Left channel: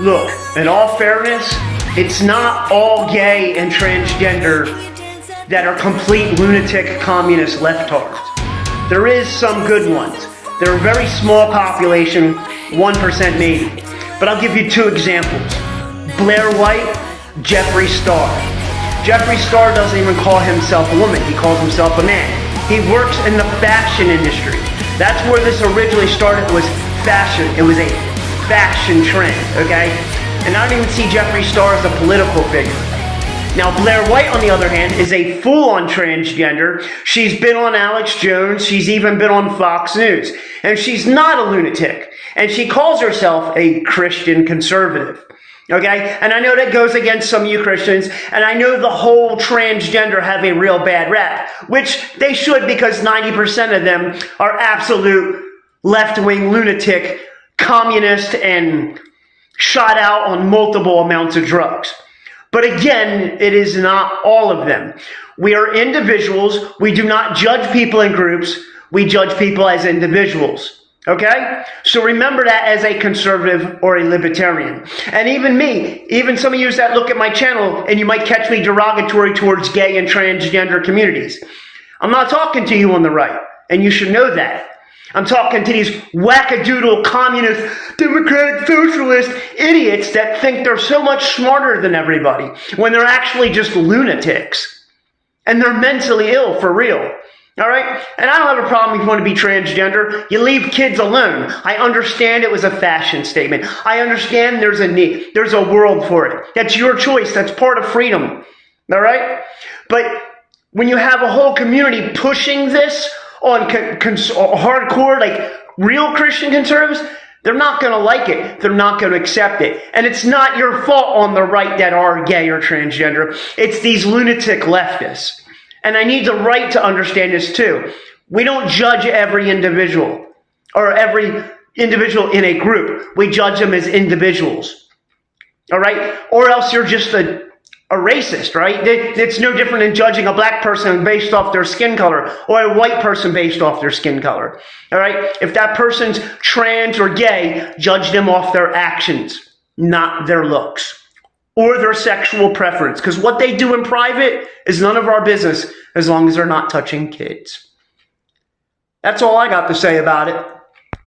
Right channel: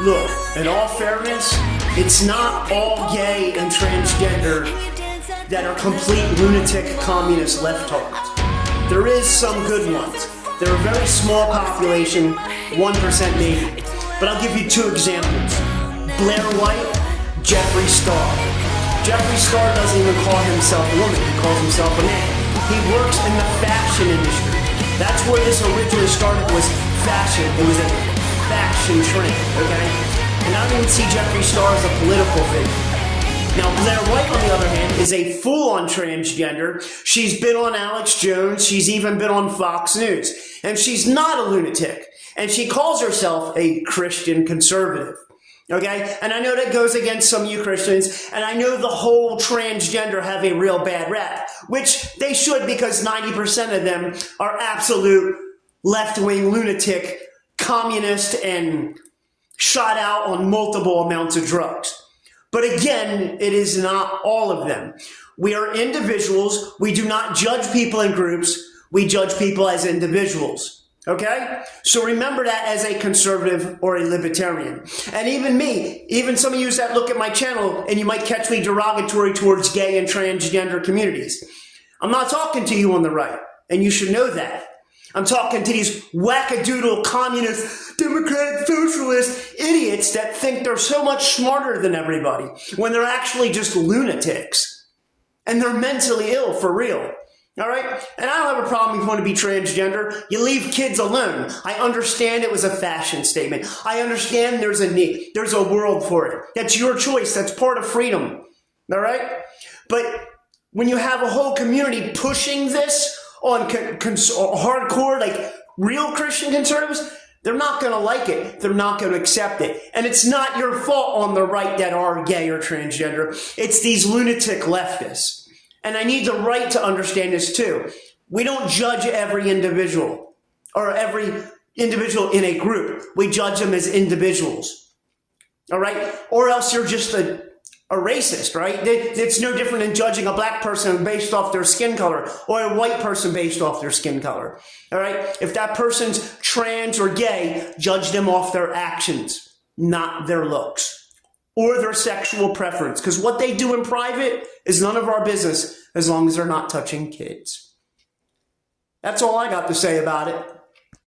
Look, in all fairness, it's not all gay and transgender that are complete lunatic communist leftards. There is some good ones. They're a very small population, 1% maybe. But I'll give you two examples. Blair White, Jeffree Star. Jeffree Star doesn't even call himself a woman, he calls himself a man. He works in the fashion industry. That's where this originally started, was fashion. It was a fashion trend, okay? And I don't even see Jeffree Star as a political figure. Now, Blair White, on the other hand, is a full-on transgender. She's been on Alex Jones. She's even been on Fox News. And she's not a lunatic. And she calls herself a Christian conservative. Okay? And I know that goes against some of you Christians. And I know the whole transgender have a real bad rap, which they should, because 90% of them are absolute left-wing lunatic, communist, and shot out on multiple amounts of drugs. But again, it is not all of them. We are individuals. We do not judge people in groups. We judge people as individuals. Okay? So remember that as a conservative or a libertarian. And even me, even some of you that look at my channel and you might catch me derogatory towards gay and transgender communities. I'm not talking to you on the right, and you should know that. I'm talking to these wackadoodle communist, democratic, socialist idiots that think they're so much smarter than everybody when they're actually just lunatics. And they're mentally ill, for real. All right? And I don't have a problem if you want to be transgender. You leave kids alone. I understand it was a fashion statement. I understand there's a need. There's a world for it. That's your choice. That's part of freedom. All right? But when you have a whole community pushing this on hardcore, like real Christian conservatives, they're not going to like it. They're not going to accept it. And it's not your fault on the right that are gay or transgender. It's these lunatic leftists. And I need the right to understand this too. We don't judge every individual or every individual in a group. We judge them as individuals. All right? Or else you're just a racist, right? It's no different than judging a black person based off their skin color or a white person based off their skin color. All right? If that person's trans or gay, judge them off their actions, not their looks or their sexual preference. Because what they do in private is none of our business as long as they're not touching kids. That's all I got to say about it.